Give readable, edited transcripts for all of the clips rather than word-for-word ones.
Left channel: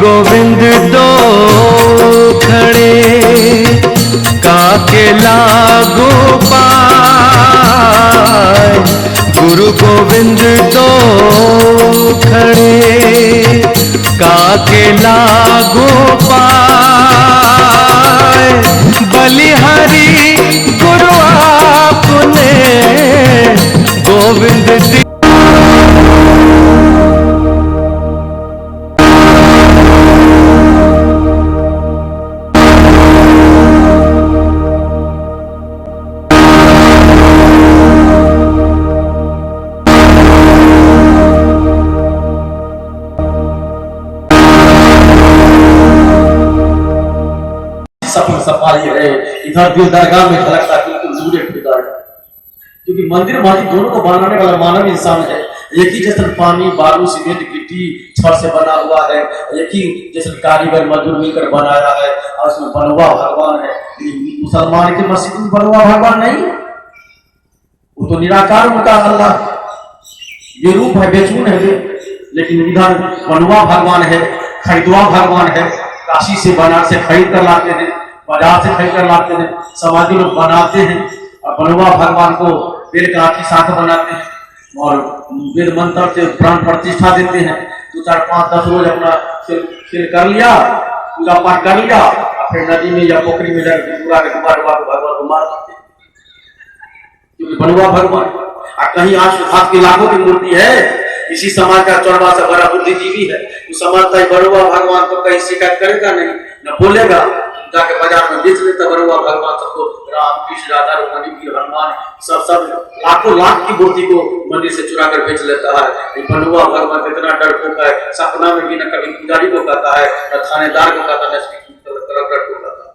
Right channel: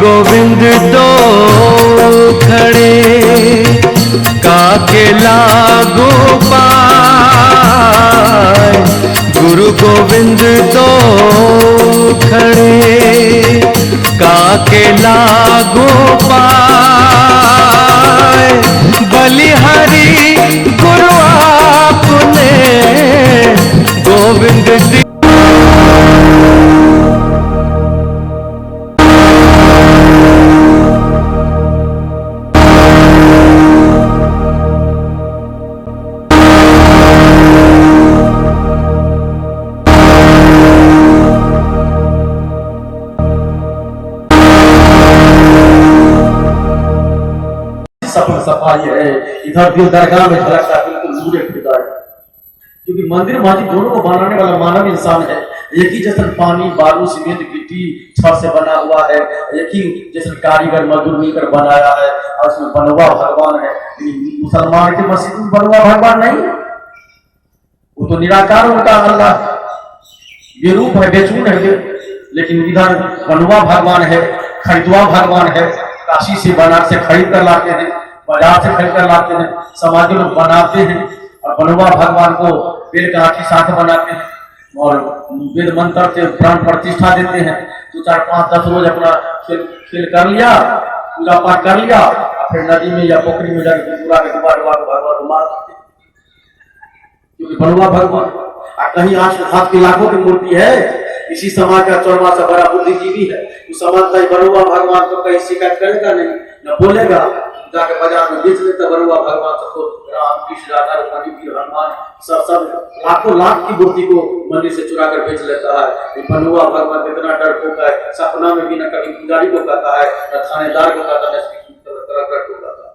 गोविंद दो खड़े काके लागू पाए। गुरु गोविंद दो खड़े काके लागू पाए। बलिहारी गुरु आपने गोविंद दी। सफल सफाई है इधर भी दरगाह में झलकता बिल्कुल नूरे खुदा है। क्योंकि मंदिर मस्जिद दोनों को बनाने वाला मानव इंसान है। एक ही जैसा पानी बालू सीमेंट गिट्टी छड़ से बना हुआ है, एक ही जैसे कारीगर मजदूर मिलकर बनाया है और उसमें बनवा भगवान है। मुसलमान के मस्जिद में बनवा भगवान नहीं, वो तो निराकार उनका अल्लाह ये रूप है, बेचून है। लेकिन इधर बनवा भगवान है, खरीदवा भगवान है। काशी से बनारस से खरीद कर लाते हैं, बाजार से खरीद कर लाते हैं, समाज लोग बनाते हैं और बनवा भगवान को बेल का आठी साथ बनाते हैं और वेद मंत्र से प्राण प्रतिष्ठा देते हैं। 2 4 5 10 रोज अपना खेल कर लिया, पूजा पाठ कर लिया और फिर नदी में या पोखरी में जाकर पूरा के दुबार भगवान को मार देते हैं। क्योंकि बनवा भगवान कहीं हाथ की लाखों की मूर्ति है। इसी समाज का चौड़वा से बड़ा बुद्धिजीवी है, उस समाज का बनवा भगवान को कहीं शिकायत करेगा नहीं, न बोलेगा। जाके बाजार में बेच लेता बनवा भगवान सबको, राम कृष्ण राधा रुक्मिणी वीर हनुमान सब लाखों लाख की मूर्ति को मंदिर से चुरा कर बेच लेता है। बनवा भगवान इतना डरपोक है, सपना में भी न कभी पुजारी को कहता है, न थानेदार को कहता है, न कलेक्टर को कहता है।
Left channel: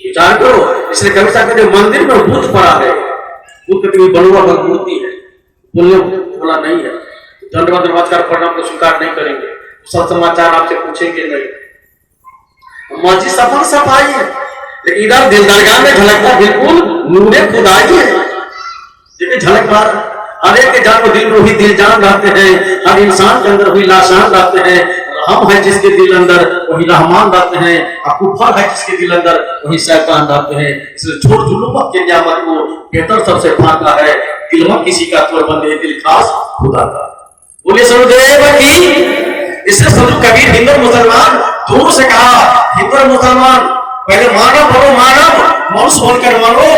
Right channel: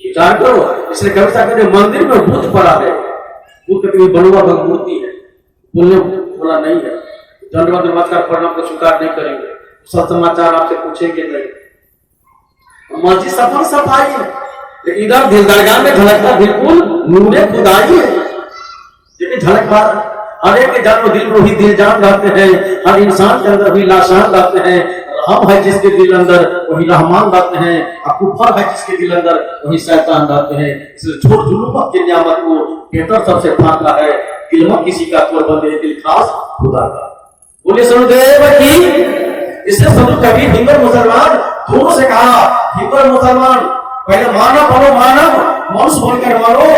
विचार करो, इसलिए कभी सकते मंदिर में भूत पड़ा है, भूत कभी बनवा भगवान मूर्ति है, बोला नहीं है। दंडवत नमस्कार प्रणाम को स्वीकार नहीं करेंगे, सब समाचार आपसे पूछेंगे नहीं। मस्जिद सफल सफाई है, लेकिन इधर दिल दरगाह में झलकता बिल्कुल नूरे खुदाई है। देखिए झलक मार, हर एक के जान में दिल रूही दिल जान रहते हैं, हर इंसान के अंदर वही लाशान रहते हैं। रहम है जिसके दिल अंदर वही रहमान रहते हैं, और कुफर है जिसके दिल अंदर वही शैतान रहते हैं। इसलिए छोड़ जुलूम के नियामत को बेहतर सबसे फाका है, दिल में किसी का तोड़ बंदे दिल खास खुदा का। बोले सुनदेव की। इससे सुनो कबीर हिंदू मुसलमान दोनों से कहा, हिंदू मुसलमान पहले मानव बनो, मानव मनुष्य बनकर मानो,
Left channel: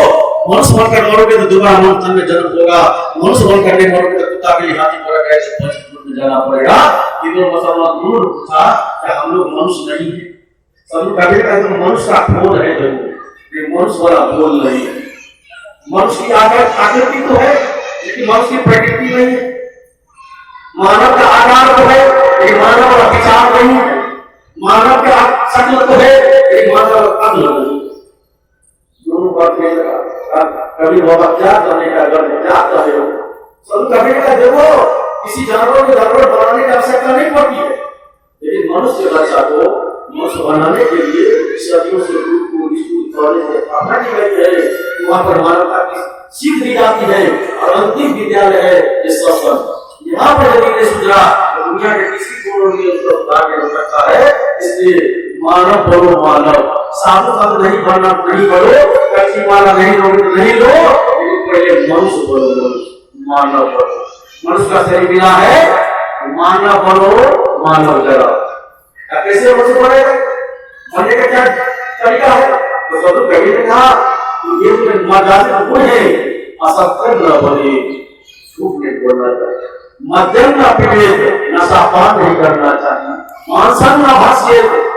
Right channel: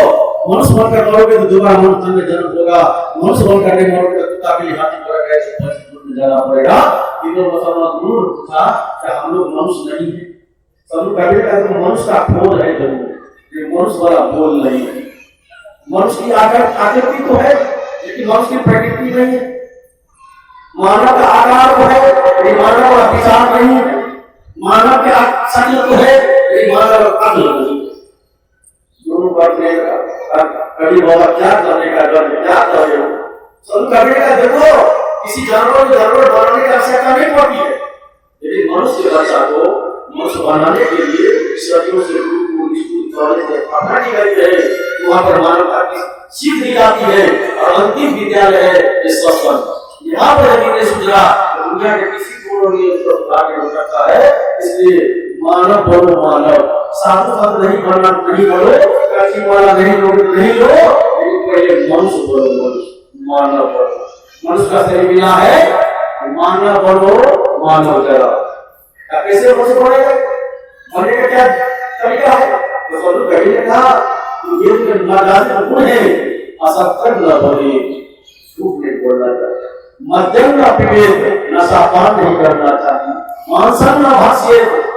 मनुष्य बनकर मरोगे तो दोबारा मनुष्य में जन्म होगा, मनुष्य बनकर नहीं मरोगे तो कुत्ता भी हाथी मरेगा, ऐसे में जाना पड़ेगा। हिंदू मुसलमान दोनों था कि हम लोग मनुष्य नहीं है। सब कबीर का तो मनुष्य का खोज है, जरूर मनुष्य वाला बोल नहीं है। मनुष्य की आकृति तो है, लेकिन मनुष्य की प्रकृति नहीं है। मानव का आकार तो है, लेकिन मानव का विचार नहीं है। मानव का शक्ल तो है, लेकिन मानव का अक्ल नहीं। दोनों का कभी बहुत क्या करने का क्या कर रहे हो। सब कभी का देखो, किसी जानवर को जानवर बनाने की आवश्यकता नहीं पड़ती है, लेकिन मनुष्य बच्चा को मनुष्य बनाने के लिए सदियों से वहां पर मानवता की सीख दी जाती है और अंतिम विद्यालय है ये सत्संग। यहाँ पर यदि नहीं सुझा तो दुनिया के किसी कोण में उसको आगे हो सकता है। इसलिए मानव बनो, मानव साधु साधु नहीं बनना, नहीं बनो, कच्ची माला नहीं लो, नहीं लो, पहले मनुष्य बनो, मानव बनो। मनुष्य का शरीर मिला है, मानव बनो, मानव जरा। कैसे मनुष्य बनेगा, बनने का क्या तरीका है? तो सब कभी ने कहा ये मर्यादा गुण है, असत्य न बने, झूठ नहीं बोलना चाहिए, मध्यम न पीड़े, नशापान नहीं करना चाहिए, मांसन न भाष्य,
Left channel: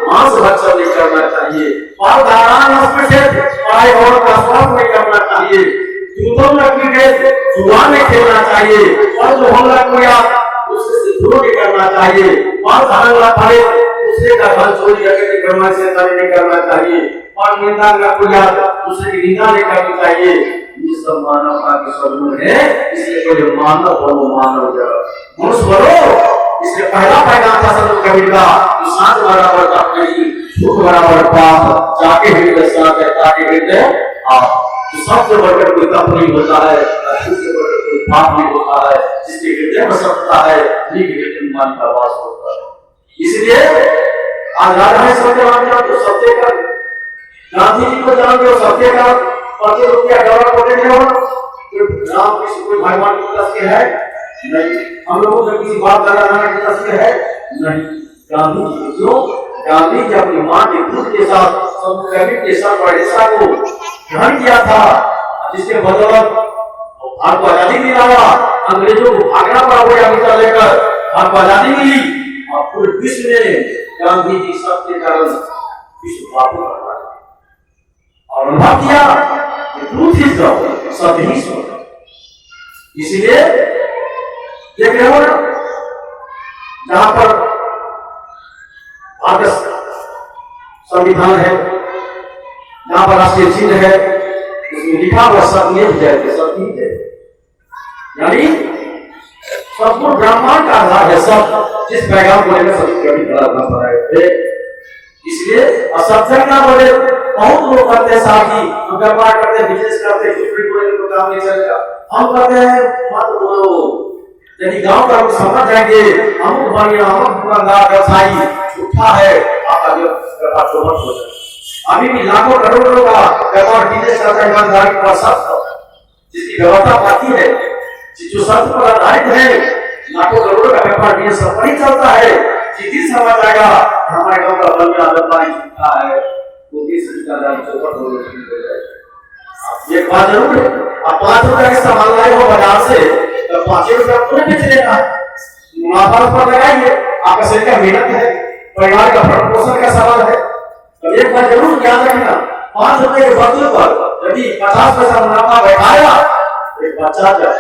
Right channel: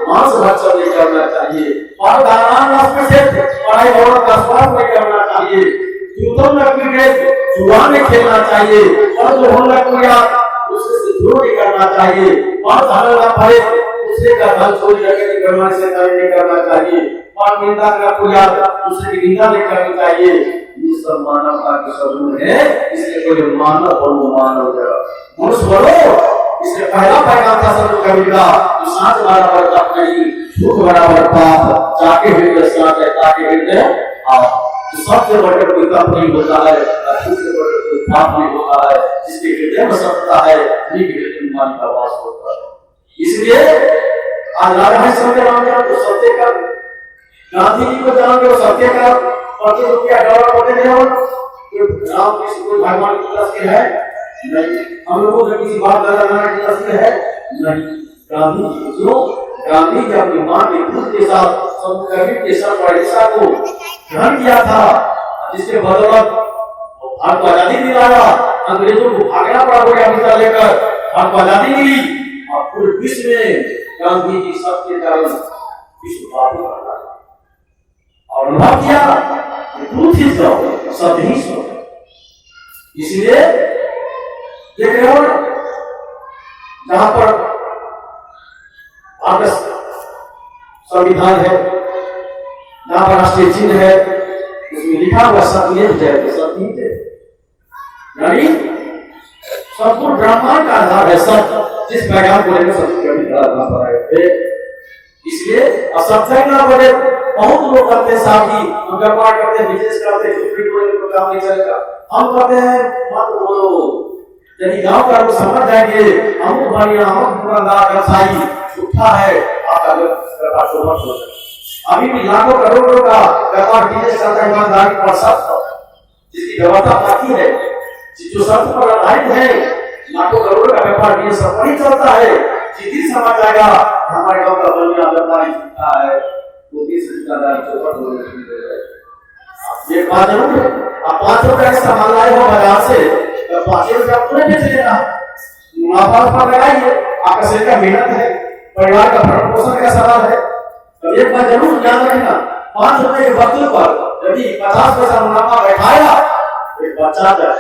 मांस भक्षण नहीं करना चाहिए, पारदारान न स्पृशे, पराई औरत का स्पर्श नहीं करना चाहिए, जूतों न पीड़े, जुआ नहीं खेलना चाहिए, और जो होना कोई उससे झूठ नहीं करना चाहिए, मां धारण न पड़े, दूसरे का धन चोरी करके करना से नहीं करना चाहिए, और निंदा न पूजा, दूसरे की निंदा नहीं करनी चाहिए। ये सब मानवता के स्वरूप है। इसलिए कोई मानव बनो, मानव जरा, मनुष्य बनो। इसलिए पहला पैगाम था सब कबीर का, जो सांस बराबर पाप नहीं, झूठ बराबर पाप, जाके हृदय साथ है, ताके हृदय आप। तो सबसे बढ़कर कोई पाप नहीं होता है, झूठ से बढ़कर कोई पाप नहीं होता है। जिसके हृदय में सत्ता है, उन्हीं के हृदय में मान का वास होता है। इसलिए आज राजभाई सत्यवान तो सत्यकर, गांधी जी को जानते हो सत्यकर, प्रतिरूप क्या गौरव बोले थे राम कृष्ण कोई भगवान की तरफ से है नहीं, हम लोगों से किसी बात करना की तरफ से है नहीं। गांधी जी क्यों? गांधी जी अपनी मां के दूध के साथ समुद्र के साथ ओडिशा को ग्रहण किया था, जिसके बदौलत भारत को आजादी दिलाया, अंग्रेजों को भागना पड़ा वो अमेरिका लेकर, भारत को आजादी मिली और पूरे विश्व में गांधी जी सबके कारण विश्व बाबू और अनुभव किया ट्रूथ इज लव, सब ही सुन। इसलिए ये केवल जहां पर भारत संविधान है, जहां पर राष्ट्रीय चिन्ह है, उसमें लिखा हुआ सब ये जाएगा, सब ठीक है, यानी संपूर्ण ब्रह्मांड का आधार है सब, जिस पैगाम को लेकर सभी कभी खड़ा करना पड़ा है। इसलिए असत्य ना बोले, बहुत लोग करते साथी, व्यापार करते, बिजनेस करते, तो काम नहीं चलेगा, हम करते हैं मत बोलो, यदि गांव का लोग समझ जाएंगे हम बढ़िया, हम दुकानदार व्यवसायी झूठा है, आपका व्यापार तो मत हो जाए। अभी भी लाखों करोड़ों का व्यापार बिजनेस करता है ईमानदारी पर सब, जिसकी व्यवस्था पाती है, जो सब पर आधारित है, लाखों करोड़ों का व्यापार बिजनेस सब पर ही चलता है। जिस समझ आएगा हमारे गांव का बलिया व्यापारी झूठा है, वो किस दुकानदार चौपट हो जाएगी। एक बात जरूर है, आप 5 रुपए का सामान लाए हो बाजार से, तो 5 रुपया पूरे बेच लेना, मुनाफा पर लगाइए, आपका शरीर का मेहनत है, परिवार का भरण पोषण का सवाल है। तो एक बात जरूर याद रखना, 5 रुपए के बदले पर यदि 50 पैसा मुनाफा बैठाया, एक बच्चा जाए,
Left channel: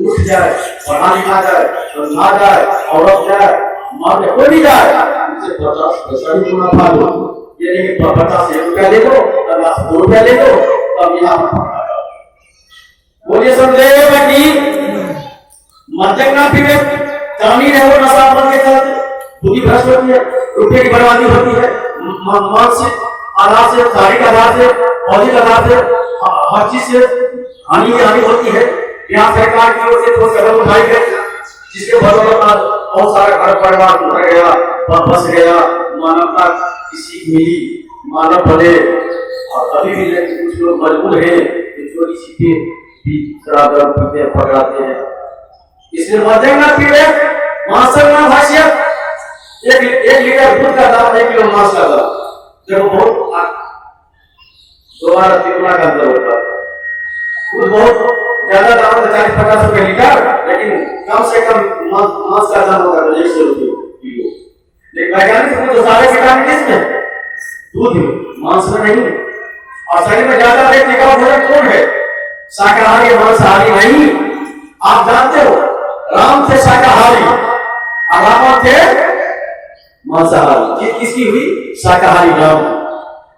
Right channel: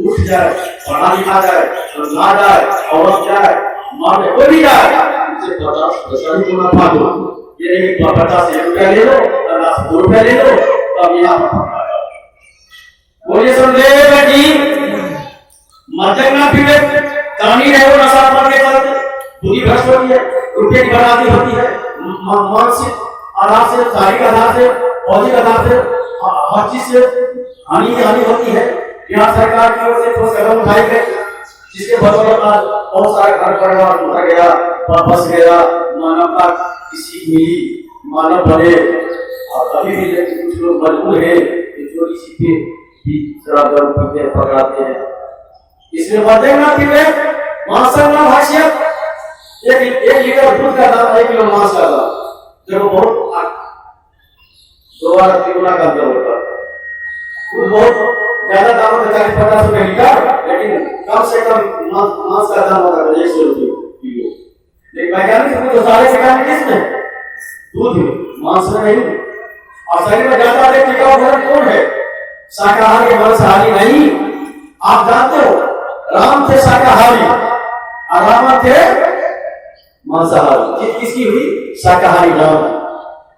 उठ जाए, पढ़ा लिखा जाए, समझा जाए, औरत जाए, माँ में कोई भी जाए, उसे 50 पैसा ही मुनाफा दो। ये नहीं कि 50 रुपया ले लो, 50 रुपया ले लो, तब यहाँ बोलिए संदेव की मद्यप ना पीवे, कहानी रहो नशा पड़ने का बुद्धि भ्रष्ट होती है, रुपये की बर्बादी होती है, मानसिक आधार से, शारीरिक आधार से, भौतिक आधार से, हर चीज से हानि होती है। यहाँ सरकार की ओर से ठोस कदम उठाए गए, जिसके बदौलत बहुत सारा घर परिवार उठ गया, वापस गया, मानवता की सीख मिली, मानव बने। और अभी भी कुछ लोग मजबूर है, छोटी सीखें पकड़ाते हैं, इसलिए मध्य ना पीड़े, मांसल ना भाषियत, एक लीटर दूध का दाम 1 किलो मांस का दाम, जब बहुत 2-3 गुना का अंतर होता है। दूध बहुत ज्यादा दाम होता है, 40-50 रुपए लीटर, लेकिन कम से कम मांस का दाम होता है 100 रुपए किलो। लेकिन वैज्ञानिक जो सारे विटामिन इसमें दूध मांस में नहीं, और शरीर में ज्यादा टिकाऊ भोजन कौन है? शाकाहारी, मांसाहारी नहीं। आप जानते हो राम थे शाकाहारी और रावण थे मांसाहारी, जीत किसकी हुई? शाकाहारी राम।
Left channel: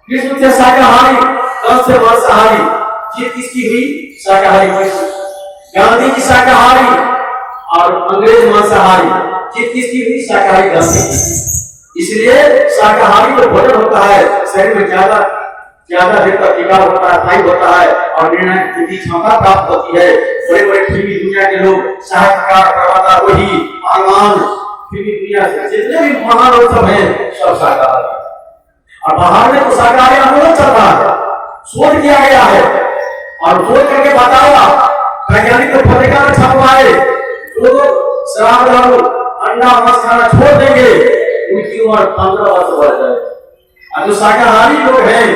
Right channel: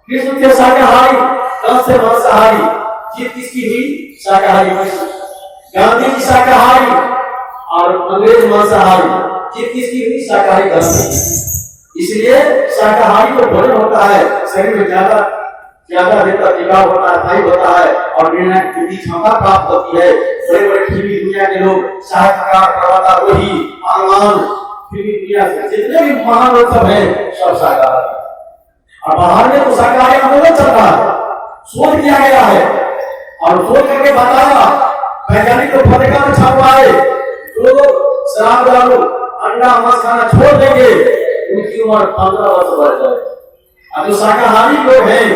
कृष्ण थे शाकाहारी, कंस थे मांसाहारी, जीत किसकी हुई? शाकाहारी कृष्ण। गांधी जी शाकाहारी और अंग्रेज मांसाहारी, जीत किसकी हुई? शाकाहारी गांधी। इसलिए शाकाहारी जो भोजन होता है शरीर में ज्यादा देर तक टिकाऊ होता है, स्थायी होता है और निर्णय की क्षमता प्राप्त होती है। बड़े बड़े फिल्मी दुनिया के लोग, साहित्यकार, प्रवक्ता, वही भगवान, फिल्मी दुनिया से जितने भी महान लोग सब हैं, सब शाकाहारी। और बाहर में तो शाकाहारी आंदोलन चल रहा है, शोध किया गया है और शोध करके बताया, वैज्ञानिक तो पत्रिका में छपवाए, जो लोग शराब दारू अंडा मांस खाना छोड़ देंगे उनकी उम्र 15 वर्ष बढ़ जाएगी। और जो शाकाहारी लोग हैं,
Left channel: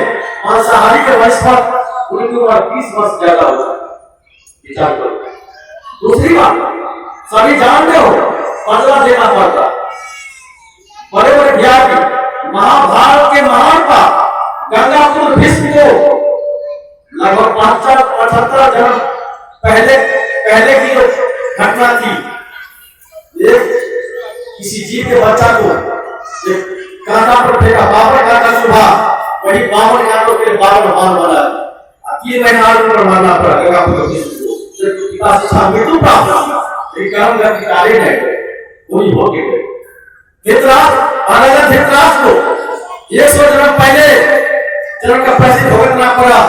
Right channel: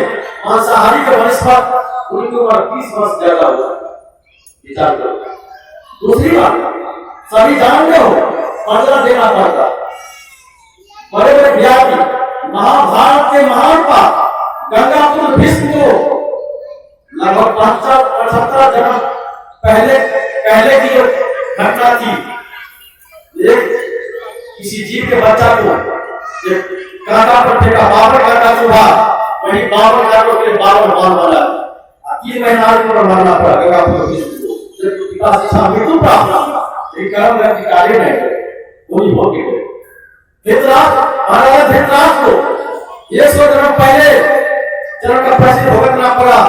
मांसाहारी के वंश पर, उनकी उम्र 20 वर्ष ज्यादा हो जाएगी। विचार करो। दूसरी बात, सभी जानते हो 15 देना पड़ता, बड़े बड़े व्यापी महाभारत के महान का गंगापुत्र भीष्म को लगभग 75 जन्म पहले की जो घटना थी, एक किसी जीव के बच्चा को कांटा पर फेंका, 52 कांटा चुभा, वही 52 कांटों के 52 बाल बना। 3 महीना उम्र मरना पड़ा गंगापुत्र भीष्म को, जब पिता से था मृत्यु प्राप्त, एक कारण का कार्य है वही हो गए। धृतराष्ट्र को 100 जन्म पहले जन्म का पैसे भुगतना पड़ा,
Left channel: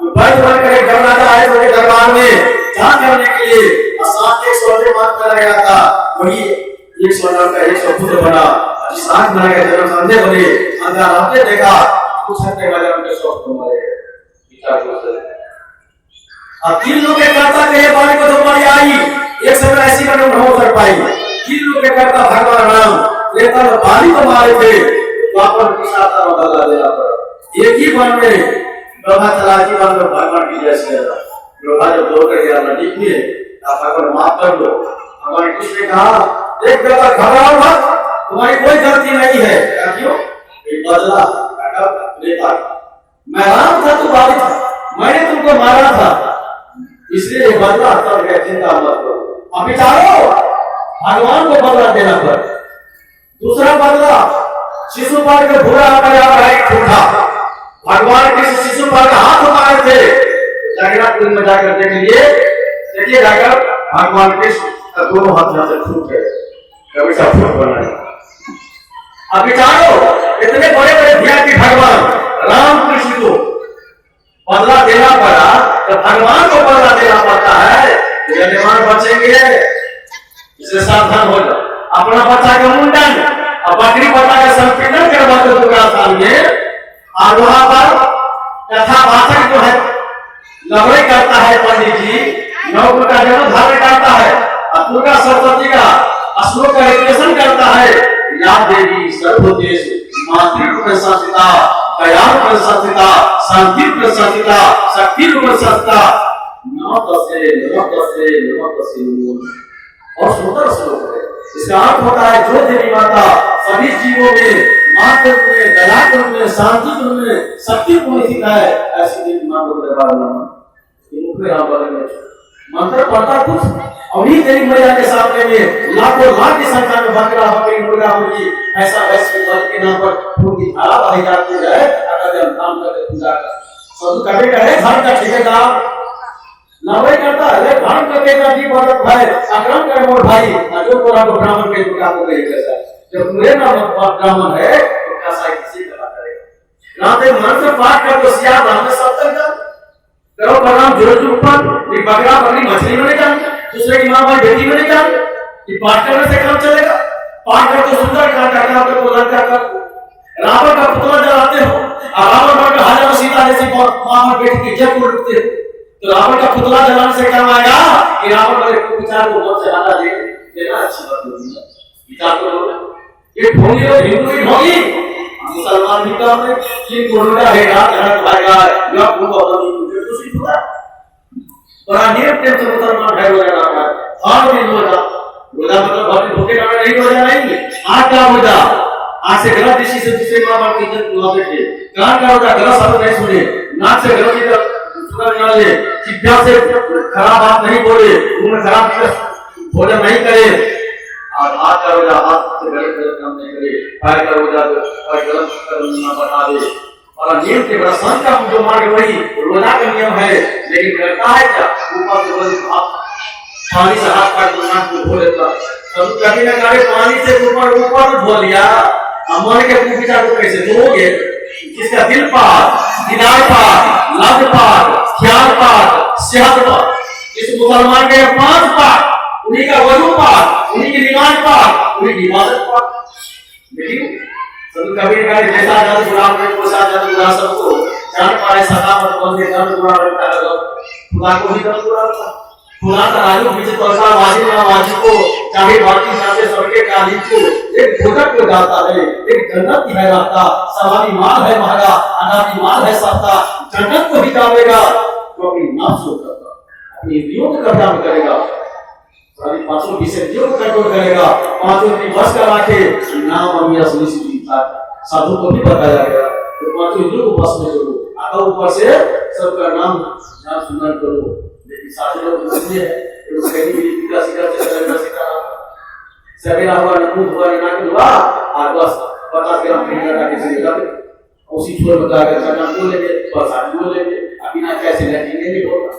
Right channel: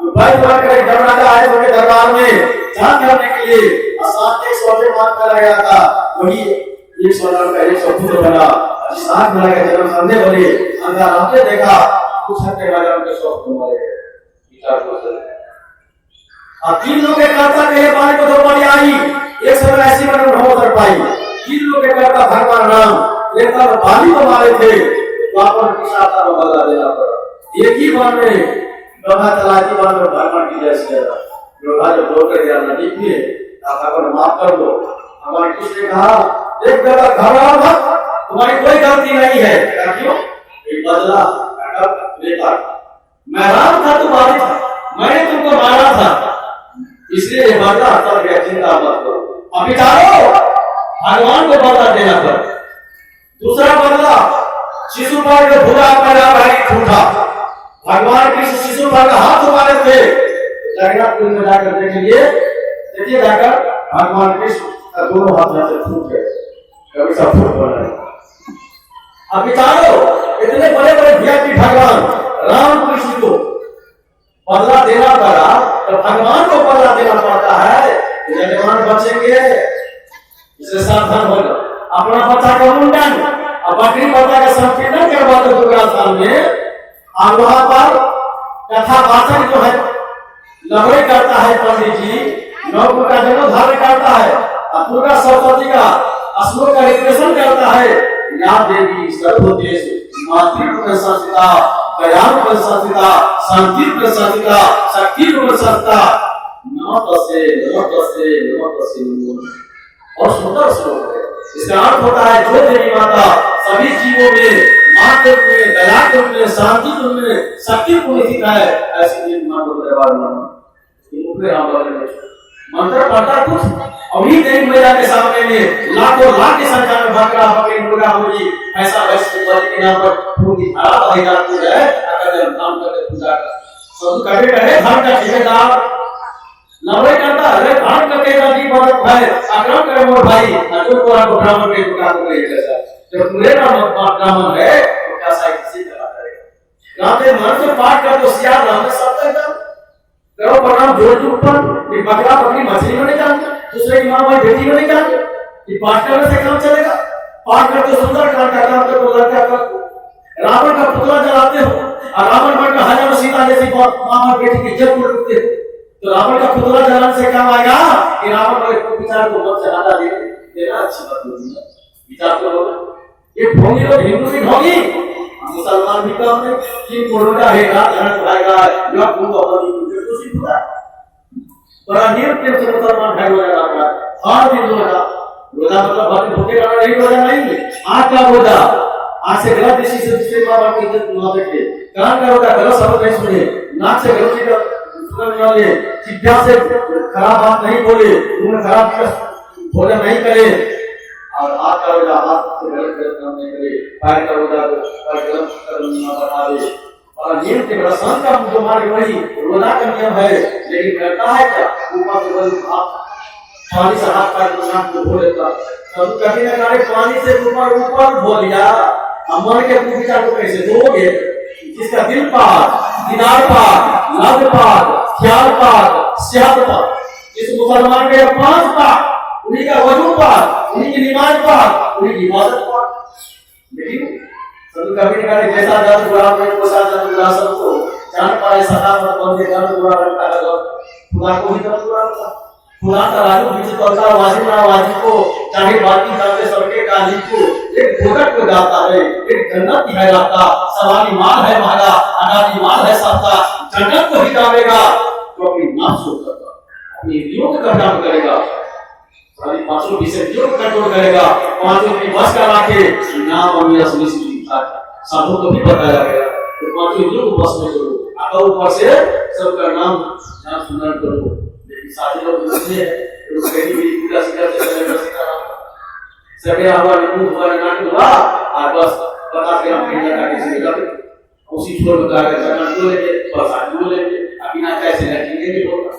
जो बैठ बनकर एक जमराजा आए उनके दरबार में जान करने के लिए, और साथ 100 मार कर गया था, वही 100 जन्म का 100 पुत्र बना। जिस आंख में लगे जन्म संधे भरे अंदर आपने देखा कुछ हटने वाले उनके शौक तुम्हारे विचार को चले। अब 3 लोग के कर्ता के पानी को जो पानी आई एक समय ऐसी बने हो कर पाई। 3 लोग के कर्ता भगवान राम त्रेता में पानी को मारे थे द्वापर की साता में बदला देना पड़ा। एक ही वन में ब्रह्मा चला की वन में भगवान की जय श्री राम ब्रह्मा जब दौड़ कर गया नदी में भगवान माफ कर दो। हमारे कृष्ण ने कहा एक बेटा घबराओ मत तुम्हारी कोई गलती नहीं है। क्यों एक बदला त्रेता मैं राम था तू बाधित था मैंने तुमको मारा था इसलिए बदला कर गया चिंता मत करो। अब विचारो भगवान को बदला देना पड़ा। दूसरा बदला शिशुपाल का बुरा आकर ठूठा भगवान कृष्ण शिशुपाल का हाथ मारे थे जगन्नाथपुर में जाकर देख लीजिए देखिए जाकर भगवान कृष्ण का दोनों हाथ यहाँ से फूट गए कभी सब फूट बना। अब विचारो इतने बड़े बड़े वीआईपी भगवान राम कृष्ण को बदला देना पड़ा तो भगवान को बदला देना पड़ता है तो मेहमान बचेंगे इसलिए सावधान हो जाओ। अपना बच्चा का मुंडन और बकरी बच्चा का संपीड़न करवा दो दुर्गा स्थान में और वहां पर कथा वाचक जो है लवड़े करता है पंडित जी नवग्रह का जन्म धारण करता है और दुर्गा सरस्वती का श्लोक का रिलेशन करता है। या देवी सर्वोदेश मातृत्व में संस्थिता दयालु में संस्थिता शांति में संस्थिता शक्ति में संस्थिता नमस्ते नमस्ते नमस्ते और सुंदर श्लोक है। इसका अर्थ होता है जो देवी माता सभी जीवों में मातृत्व में दयालु में शांति में शक्ति को स्थित है ऐसी देवी माता को दरबार में मंत्र पढ़ता कुछ अभी देवी मैया के सामने में लाखों लाख की संख्या में बकरा बकरी मुर्गा मुर्गी ऐसा वैसे बलि के नाम पर खून की धारा बही जाती है अगर नाम करके पूजा कर सब कभी कहे धन का ठेकेदार लड़ाई करता है धान करके का जी बरत है अक्रम करे मोर भाई जो को आपको ब्राह्मण के दुकान को नहीं करता जब पूरे नाम ब्राह्मण है तो क्या साई किसी का करेगा। रात में मन से पाठ कर तो सियार नाम में सब तक जाओ करो प्रणाम जोर जोर पर एक बकरा बकरी मछली में नहीं जाओगे दूसरे की मां भाई बेटी में नहीं जाओगे ये पाठ करने से काम चलेगा। पाठ करके सुंदर काम करना आपको तो लड़का कर रावण का पुतला जलाते हो और रावण पर हजारों सीता जैसी मां और बेटी की इज्जत को रखते हो तो रावण का पुतला जलाने से क्या आएगा कि रावण वाले को विचार को बहुत से ज्यादा देना अच्छी बात नहीं है। विचार करो ये ढोंगी और हिंदू की ढोंगी मुसलमान भी काम में कि कोरोना है रात घर भागा या पूरा अपनी तो सिर्फ होता बड़ा निरंतर से मुसलमान है रोजा रखना हर दिन रोजा रोजा मतलब भक्ति भूखे रहना नहीं रोजा नहीं आज का रोजा आज से गलत दृष्टि से दूसरे मां बाप की इज्जत ना देखे कान का रोजा गलत शब्द नहीं सुने नाक से गलत चीज सुनने वाले जिभ्या से खराब बात नहीं बोले मुंह में खराब भोजन नहीं करे और हाथ का रोजा हाथ से गलत काम नहीं करे पैर का रोजा गलत कर्म ना बढ़ा दे और नियम के बड़ा संत का जो मार्ग वही रोजा का नियम है लेकिन करता है क्या ऊपर से बस पानी से हाथ का नाक को धो लेता तब कभी ना कभी पानी से ऊपर धो लिया मन के विचार को कैसे धोगे जिसका दिल पाक दिनार पाक लग पाक ख्याल पाक सेहत पाक इस मुसलमान के 5 पाक उन्हीं का वजू पाक उन्हीं की नमाज पाक उन्हीं की इबादत पाक। लेकिन सब कभी ना कभी जैसा जब गुलाम में कोसा जब गुलाम सबको जान पाए सदा मत बोल के कर गुलाम रहता है खुदा को ही कर गुलाम रहता खुदा का राजू बीच तोसा वाजिब ना वाजिब को चाहे बाकी जाते सबके काली को एक भोजक को जाता है एक जन्नत की है रास्ता सवारी माल है महंगा अनादी माल है सस्ता जन्नत को ही जाएगा जो अपनी नफ्स को करता अपनी इंद्रियों को कंट्रोल करेगा सारी पांचों विषयों को कंट्रोल करेगा पांचों की बस करा के नाम और असली साधु को भी बताया गया तो पांचों इंद्रियों को बस में करो आका ऊपर से सबका नाम ध्यान सुनन करो लेकिन सारे लोग इसलिए है तो कहीं भी पूरा सिखाते समय में सिखाना सवेरा हुआ नमूद हुआ नाम हुआ और बस पता से हम कहना था किसी ने लगे उसी छोड़ बता के चना तो ले बस आलू ले अभी ना कैसे लगेंगे नहीं होगा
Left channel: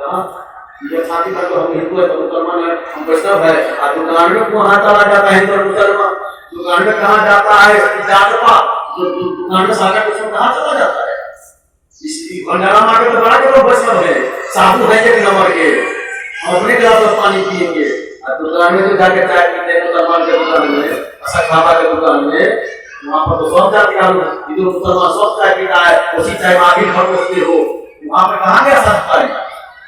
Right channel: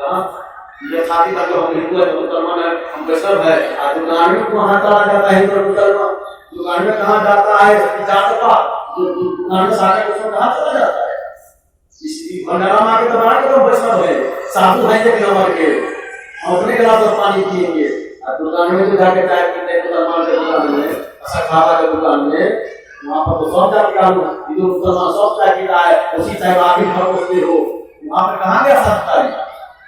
हां ये छाती तक हम हिंदू है तो मुसलमान है हम वैष्णव है और दुकान में कहां चला जाता है तो मुसलमान दुकान में कहां जाता है जात पात जो दुकान में सारा कुछ कहां चला जाता है इसलिए भंडारा मार के तो बड़ा करो वैष्णव है साधु है एक नंबर के अपने गिलास में पानी पिएंगे और दुकान में तो जाके चाय पीते हैं मुसलमान के दुकान में ऐसा खाना के दुकान में वहाँ पर तो सब जाति का लोग इधर मुसलमान सब चाय पीता है, उसी चाय में आगे भरोसे हो, वहाँ पे कहाँ गया संस्कार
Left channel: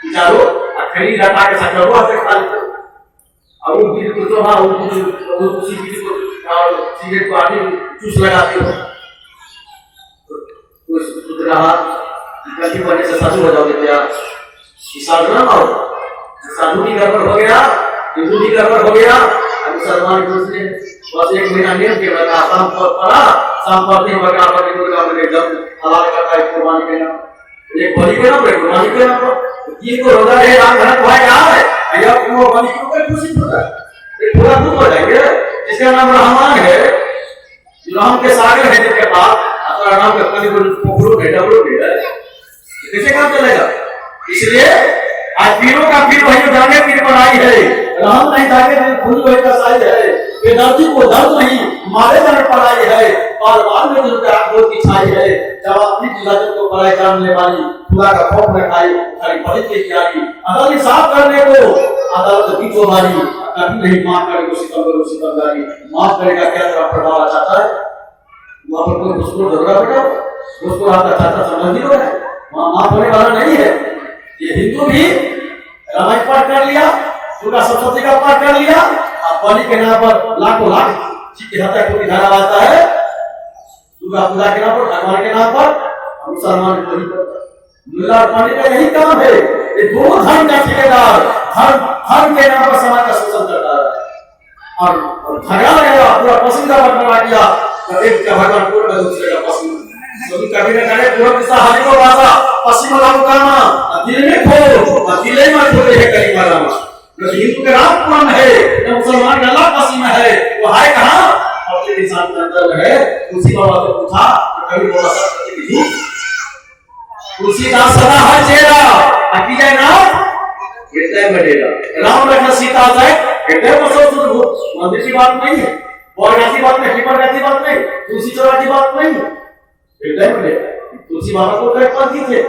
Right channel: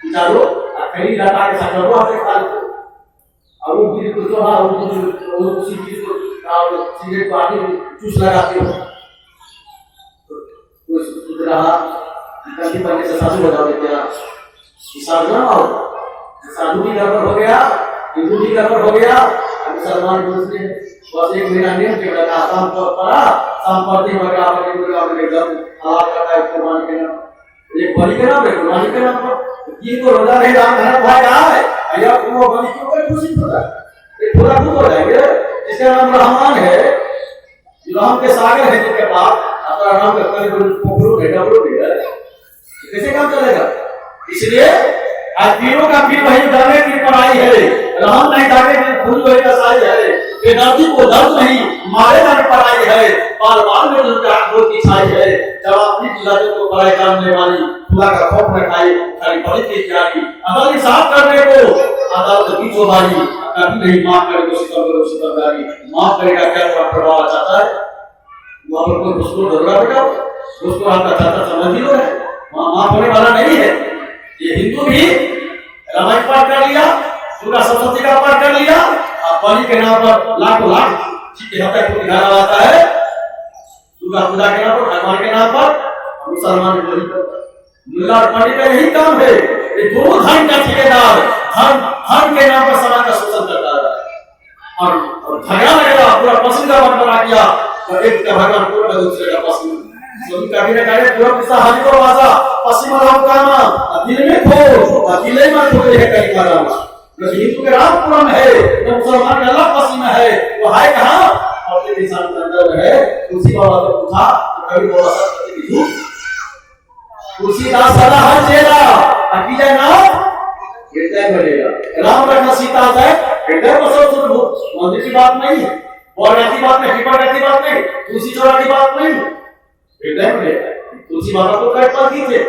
चलो खरीद हटा के सकते हो आपसे खा लेते अब वो बीड़ी को तो हाँ वो उसी बीड़ी को सिगरेट को आगे चूस लगाते हो तो सुध रहा कभी बने से साधु हो जाओगे क्या साधु ना हो साधु भी गड़बड़ हो गया हिंदू भी गड़बड़ हो गया मुसलमान दूसरे बस एक महीना नियम के लगा शाम पर पड़ा शाम पर दिन वगैरह पर दुर्गा में एकदम हलाल करता है कुर्बानी के नाम एक बलि के नाम कुर्बानी के नाम ये तो रोजा है राम धन भाई है या वो बलि क्यों कर खुशी होता है ये पूरा दूर हो जाएंगे जिसका नाम रहमान है राम के सागर है जिसके पास अपना नाम का कभी पोखरो है डबरो है कैसे काम चलेगा इसलिए आज पीरों का पीर वही जाने पीर पर आई है राम नहीं जाने फूल वही का साई है बेदर्दी को दर्द नहीं मारे जाने पर आई है बाल बाल में जो आंखों की छाई है जब अपनी लज्जत को पराई जानने वाली खुदा का खौफ न खाई खाली पढ़ी की जानी अदालत साफ करने को अदालत की चौधारी कभी नहीं माफ करेगा सितमगारी माफ करेगा क्या तेरा प्रभाव चाहता है वहां पर कोई उसको झगड़ा बेटा उसको आपका चाचा संबंधी है वहां माफ होने वाला नहीं है ये हिंदू भी रामायण पाठ कर लिया दुर्गा सप्तशती का पाठ कर लिया और बलि के नाम पर लाखों लाख जी की हत्या को दिखाया जाता है दुर्गा पूजा के नाम पर भगवान के नाम पर मुसलमान बलि करता है मुल्ला और पंडित का यही काम है ये दोनों धर्म का ठेकेदार धर्म के नाम पर समाज का शोषण करता है और झगड़ा लगेगा पूरा पश्चिम का बंटवारा किया तो एक का भगवान पूरा दूसरे का पश्चिम कभी न करे पूरा किस्सा हाजी को वासा पश्चिम राम कामा दिल में खो अकेले में खोले है कहीं मारा जो हिंदू के राम पुराण है जो मुसलमान का अल्लाह पश्चिम है वो है कहां अपने निशान के अंदर है तुलसी बाबा को पूछा कभी बोला सत्य विधि तुलसीदास सदा हर चेहरा अकीजा नाम हृदय बढ़ेगा राम रखना सीता है हृदय को सोच मंदिर की बात नहीं है और ऐसी बात नहीं हिपर ऐसी बात नहीं तुलसी चौरा की बात नहीं हृदय में तुलसी बाबा को कट पर दी थे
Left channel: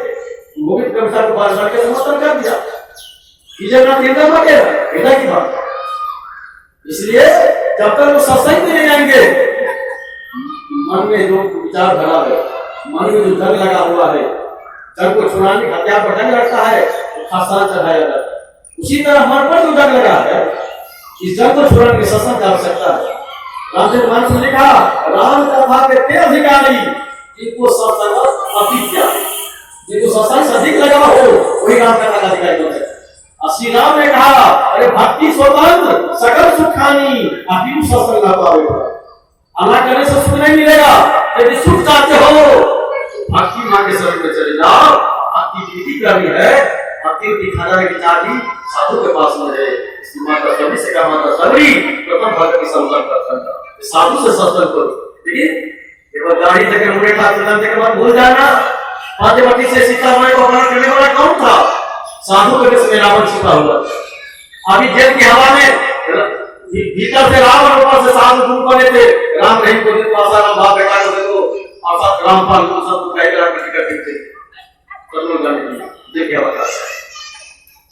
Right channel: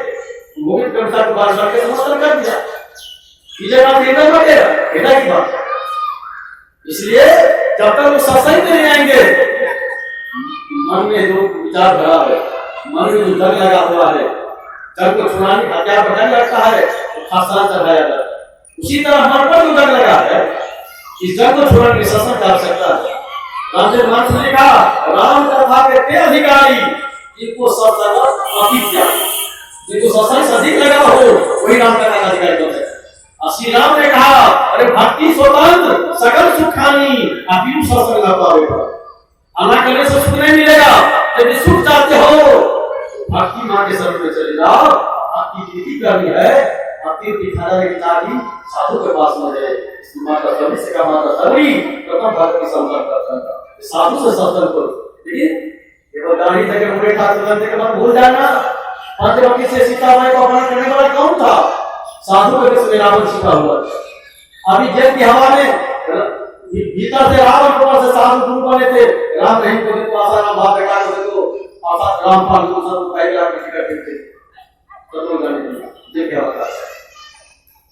वो भी कंसा को बार करके समर्थन कर दिया इधर बात हृदय में बढ़ेगा हृदय की बात इसलिए जब तक वो सत्संग में नहीं आएंगे मन में जो विचार भरा है मन में जो डर लगा हुआ है जब को छुड़ाने हथियार बनाने लगता है तो खासा चढ़ाया जाता है उसी तरह मन पर जो डर लगा है इस डर को छुड़ाने की सत्संग कर सकता है रामदेव मान ने लिखा राम कथा के ते अधिकारी जिनको सत्संग अविद्या जिनको सत्संग से अधिक लगा हो वही राम कथा का अधिकारी होता है श्री राम ने कहा अरे भक्ति स्वतंत्र सकल सुखानी अभी सत्संग ना पाओगे अल्लाह करने से सुख नहीं मिलेगा यदि सुख चाहते हो भक्ति मां के शरण में चले जाओ भक्ति विधि करनी है भक्ति दिखाना की चाबी साधु के पास में है माता सभी से का माता सभी प्रथम भक्त की संपर्क करता है साधु से सत्संग करो ठीक केवल गाड़ी तक मुड़े था तुरंत के बाद भूल जाना पांचवती से सीता माई को अपना करने वाला कौन था साधु के जिसमें रावण छिपा हुआ अभी जेल की हवा में भीतर से रावण ऊपर से साधु दूर बने थे राम रहीम को दिन पासा राम भाग बेटा को देखो पासा रामपाल को सब उठाई करा के टिकट थे कत्ल करने ये क्या बता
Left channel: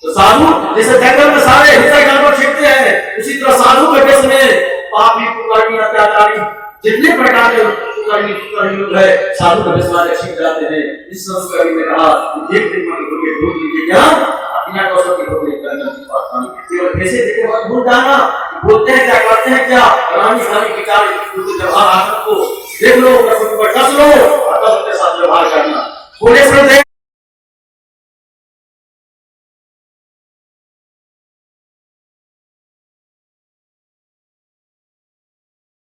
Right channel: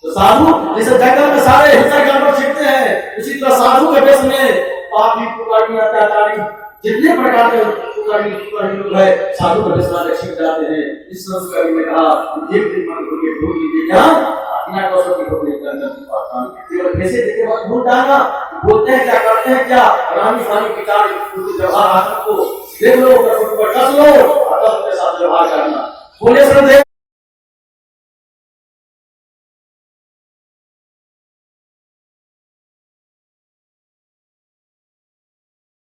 तो साधु जैसे जंगल में सारे हिंसा जानवर छिपते हैं उसी तरह साधु के देश में पापी कुकर्मी अत्याचारी जितने प्रकार के कुकर्मी लोग है साधु के देश में छिप जाते हैं इस संस्कृति में कहा एक दिन मन को ये ढूंढ लीजिए क्या अपना दोस्तों की ढूंढ लेकर अंदर की बात नहीं कैसे देखे बात भूल जाना बोलते हैं क्या करते हैं क्या रानी सानी विचार उनके व्यवहार आदत को देख लो पर कस लो और तब उनके साथ व्यवहार करना बोले से